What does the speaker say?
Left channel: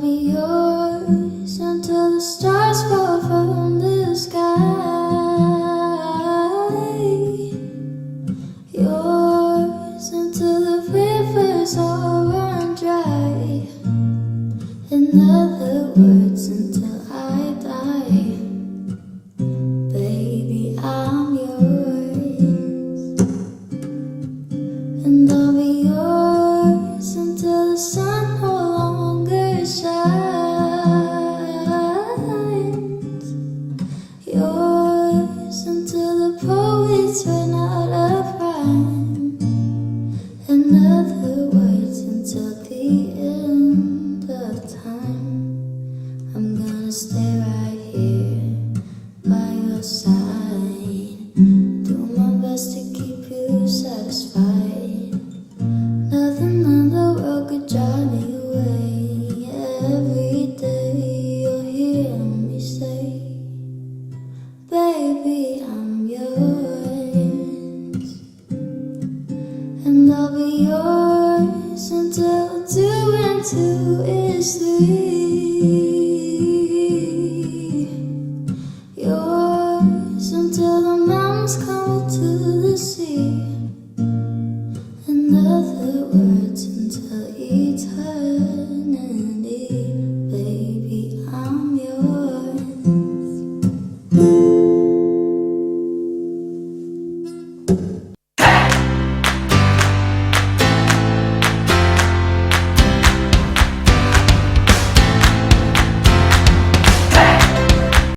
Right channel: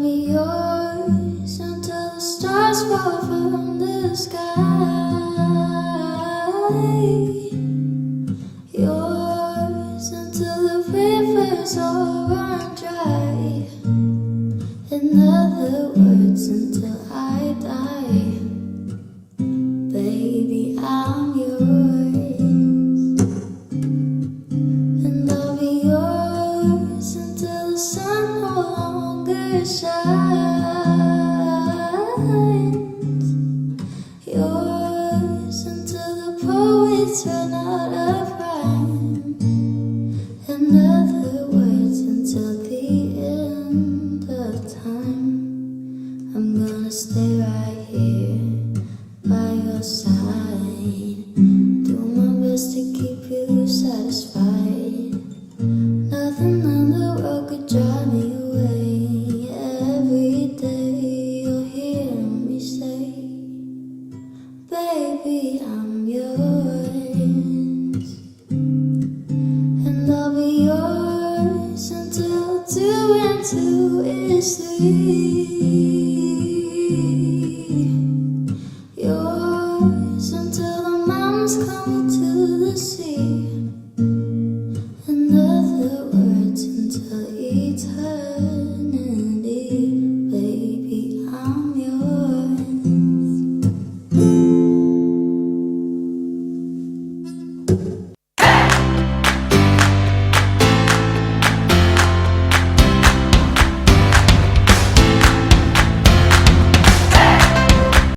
be yours until the stars fall from the sky. Yours until the rivers all run dry. In other words, until I die. Baby, I'm yours. And I'll be yours until the sun no longer shines. Yours until the poets run out of rhyme. In other words, until the end of time. I'm gonna stay right here by your side. Do my best to keep you satisfied. Nothing in the world could drive me away. Every day you'll hear me say, baby, I'm yours. And I'll be yours until 2 and 2 is 3.